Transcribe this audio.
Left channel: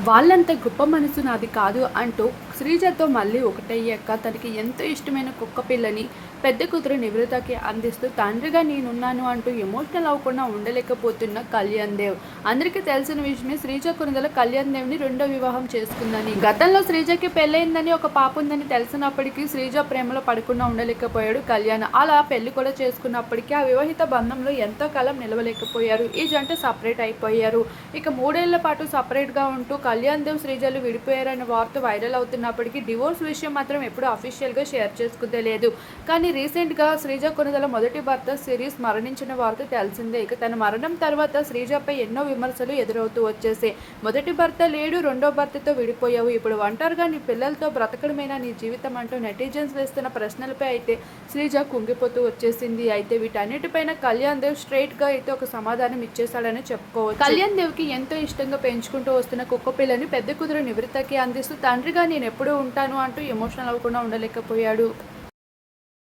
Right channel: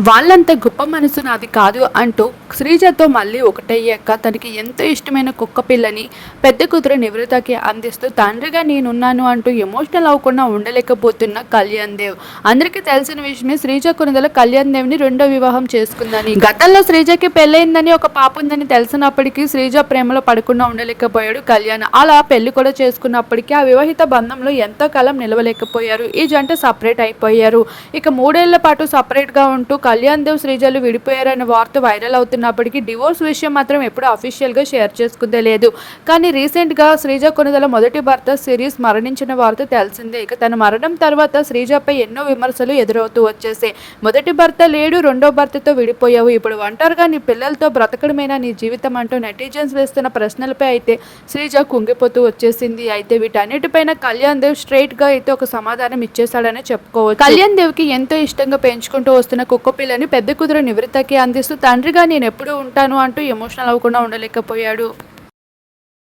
వాళ్ళంత గొప్ప మనసు నాది కాదు అంటూ శ్రీజతో మళ్ళీ ఒకటయ్యాక తనకి ఎంతో ఇష్టమైన కుక్క పిల్లని పెద్ద కూతురు నివృతకి అందిస్తూ తండ్రిగా నేనున్నాను అంటూ ఎమోషనల్ అవ్వకుండా ఉండలేకపోతున్న కళ్యాణ్ దేవ్. అందరికీ తెలిసిన విషయమే శ్రీజ కొనుదల కళ్యాణ్ దేవ్ని రెండో వివాహం చేసుకుందని. గతంలో శ్రీజకి పెళ్ళైందని ఒక పాప ఉందని తెలిసినప్పటికీ శ్రీజ ప్రేమలో పడకుండా ఉండలేకపోయాడు కళ్యాణ్. అలా పెళ్ళి కూడా చేసుకున్నప్పటికీ ఆ వివాహిత బంధంలో ఎంతో కాలం నిలవలేకపోయారు. ఈ జంట సపరేట్ అయిపోయారు. ఇక మూడేళ్ళ పాటు సపరేట్గా ఉంటూ కళ్యాణ్ దేవ్ శ్రీజలు విడిపోయారనే వార్త వైరల్ అవుతున్నప్పటికీ డివోర్స్ విషయం మాత్రం ఎప్పుడూ అఫీషియల్గా షేర్ చేసుకుందే లేదు. కానీ రీసెంట్గా శ్రీజ కొనుదల మొదటి భర్త సిరీస్ మరణించిన వార్త తెలిసిందే. ఇక తన మరణం తర్వాత శ్రీజపై ఎన్నో విమర్శలు ఎదురవుతూ వచ్చేసాయి. మొదటి భర్త లేడు రెండో భర్తతో విడిపోయావు. ఇప్పుడు ఒంటరిగా నీ పిల్లలతో బ్రతకడమేనా నీ జీవితం అంటూ నెటిజన్స్ వేస్తున్న ప్రశ్నలపై అయితే శ్రీజ కుంగిపోతూ వచ్చేసింది. అయితే వీటన్నిటిపైన కళ్యాణ్ దేవ్ స్ట్రైట్గా అయితే ఒక సమాధానం ఇచ్చేశాడని చెప్పుకోవచ్చు. కళ్యాణ్ దేవ్కి ఎంతో ఇష్టంగా పెంచుకుంటూ వస్తున్న కుక్క పిల్లని పెద్ద కుదురు నివృత్తకి అందిస్తూ తండ్రిగా నేను ఎప్పుడు ఉంటాను అంటూ ఎమోషనల్ అవ్వకుండా ఉండలేకపోయాడు.